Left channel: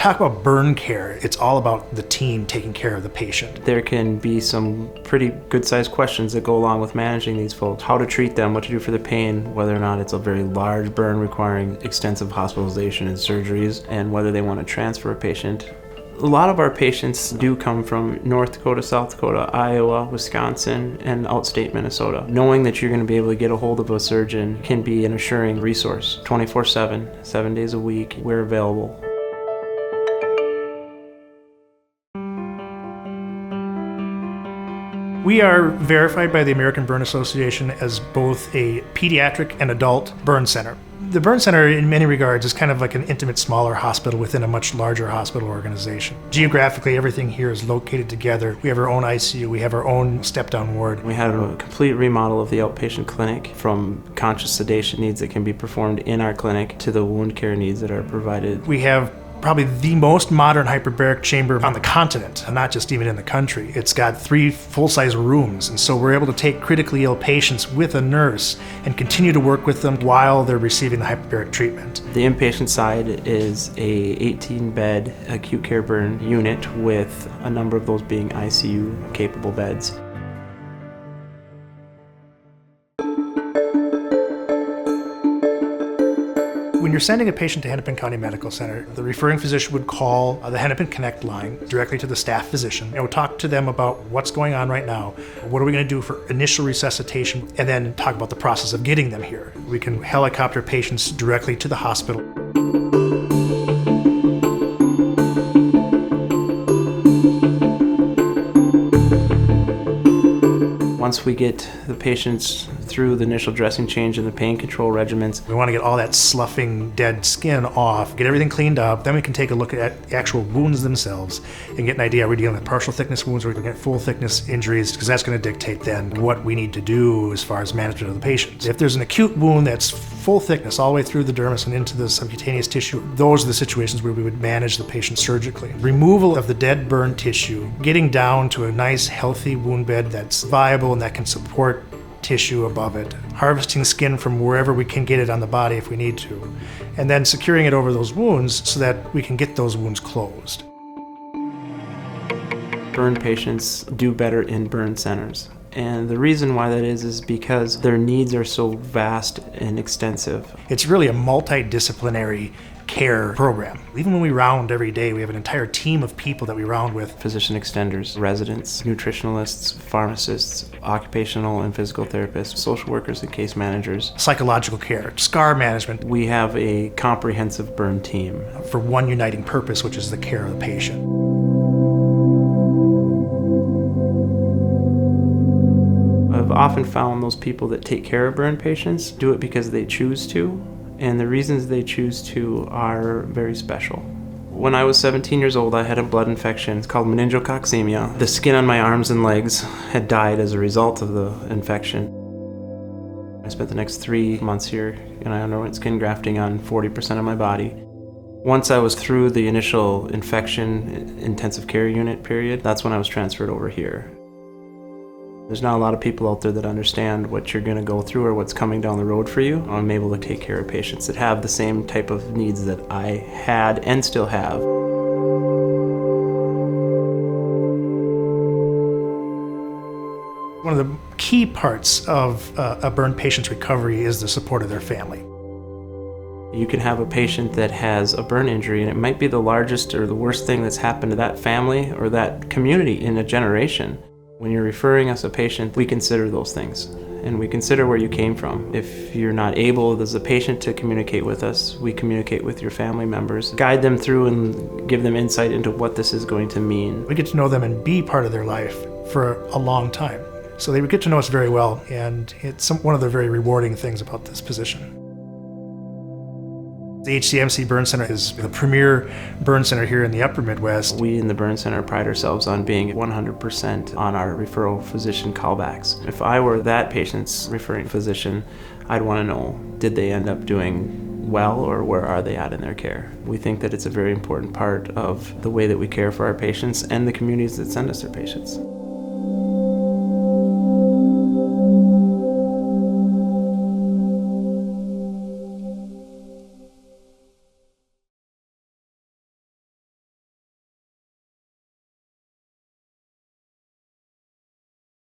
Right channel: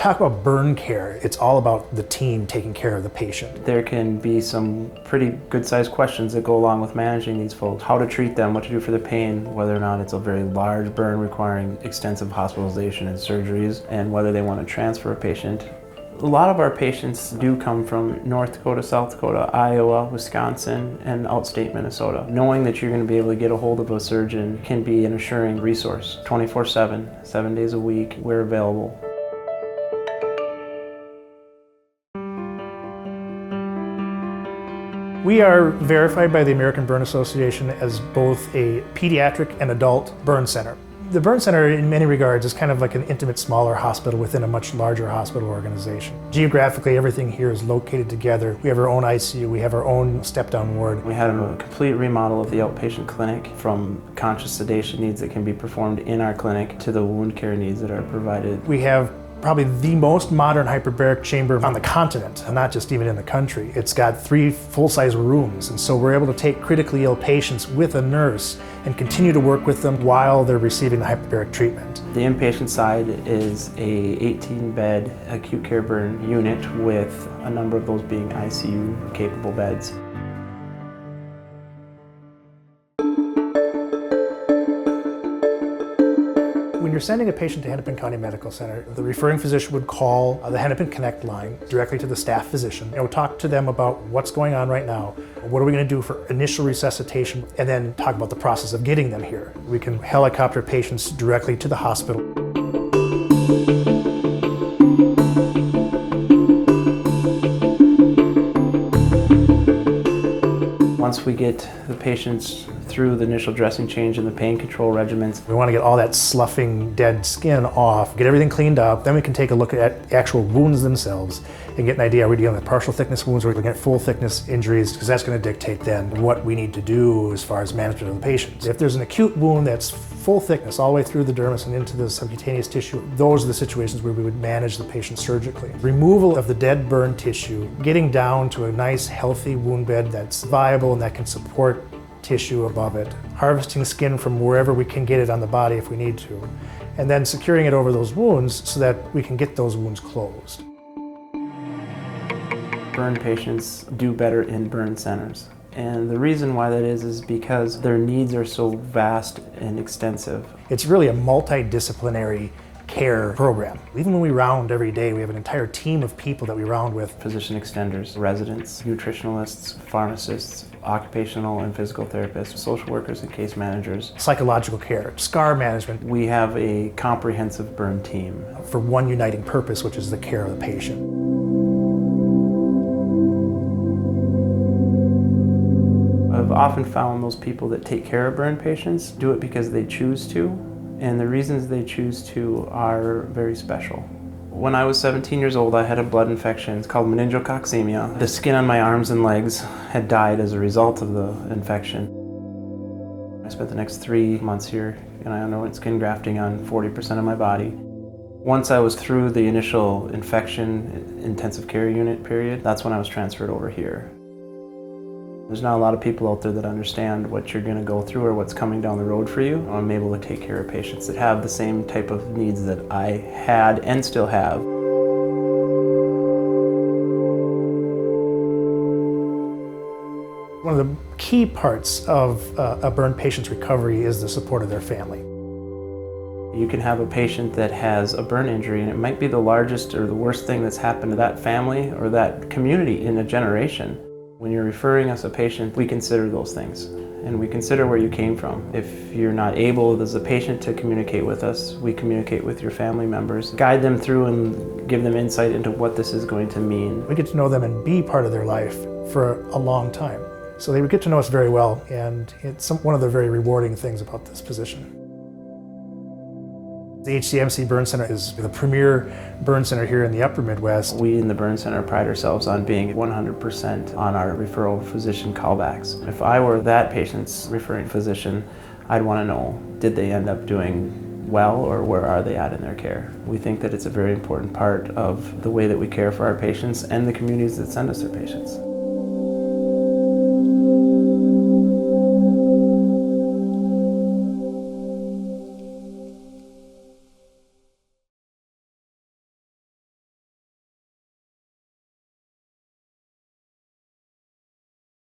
talk about burn care, it's all about the team taking care of the patient. There can be some pretty good-sized questions that go along with managing these folks. How to treat them, what to do for the pain, whether or not it's a very large burn requiring extensive hospitalization and surgeries, and whether they want to transfer a patient. A lot of our patients do come from North Dakota, South Dakota, Iowa, Wisconsin, and outstate Minnesota. Knowing that you're going to be able to get a hold of a surgeon can be an assuring resource. 24/7, 7 days a week, we're available. We are verified by the American Burn Association as both a pediatric and adult burn center. The burn center, in many regards, is kind of like an intimate, smaller hospital within a much larger hospital organization. Geographically, everything here is located together. We have our own ICU, we have our own step-down ward. We had a complete remodel of the outpatient clinic, from conscious sedation needs that can be performed in our clinic to the wound care needs that are provided. We have probably the most modern hyperbaric chamber on the continent, and not just even in the country. It's got 3 full-size rooms, and so we're able to take critically ill patients with a nurse and continue to work with them while they're receiving the hyperbaric treatment. The inpatient side is a 18-bed acute care burn unit with a number of those being ICU-capable beds. When you're sending a patient to Hennepin County Medical Center, the referring physician would call the Hennepin Connect line directly to the staff physician and would talk to them about what's going on right now, what are we going to do for initial resuscitation, and then talk about the process of getting them here. We can helicopter patients directly to the hospital. Once we get the patients through the initial dressing change and the pain control regimens, we want to get all that sloughing, dead skin off, get everything cleaned up, then we can take a look at actual wounds themselves and get an idea, are we dealing with partial thickness wounds or full thickness injuries, because that's going to dictate then what we need to do as far as management of the patient. If there's an acute wound that's full thickness all the way through the dermis and into the subcutaneous tissue, those are the situations where we would manage the patient surgically. Removal of the dead burn tissue, getting down to a nice healthy wound bed that's viable and that can support tissue above it, harvesting skin from wherever we can get it on the body if we need to, and then securing it over those wounds so that we can get those wounds closed. Burn patients do better in burn centers. And the reason why that is because their needs are so vast and extensive. It's really a multidisciplinary care program. Even when we round every day, we have an entire team of people that we round with. Physician extenders, residents, nutritionalists, pharmacists, occupational and physical therapists, social workers and case managers. Psychological care, scar management. We have a comprehensive burn team. For one uniting purpose, which is the care of the patient. I've often found those people that take care of burn patients do it because they choose to. And the reasons they choose to are very special. When I was 17 years old, I had a blood infection. It's called meningococcemia. The skin on my arms and legs had died as a result of the infection. I spent the next 3 months here, and I underwent skin grafting on 40% of my body. Once I was through the initial infection intensive care unit period, that's when I was transferred over here. There's not a lot of people out there that understand what you're going to go through or what's coming down the road for you. I'm able to take care of patients that have the same type of needs that I had and still have. One of the key parts of a burn patient's recovery is the support of their family. You can have a patient that has a burn injury, and it might be the largest or the worst thing that's happened to that family or that community in a generation. When you're referring us a patient, we consider those things, and we consider where you came from. If you're not able as a patient to communicate with us, we communicate with your family members, guide them through and give them insight into what this is going to mean. We get to know them and be part of their life for a long time. So they would get to know us very well, and it's one of the very rewarding things about this position. The HCMC Burn Center is the premier burn center here in the upper Midwest. We in the Burn Center pride ourselves on being 100% on our referral physician callbacks. If I were that patient's referring physician, I'd want to know, did they end up doing well, or where are they at in their care? We think that it's a very important part of the way that we care for our patients and the communities that send us their patients.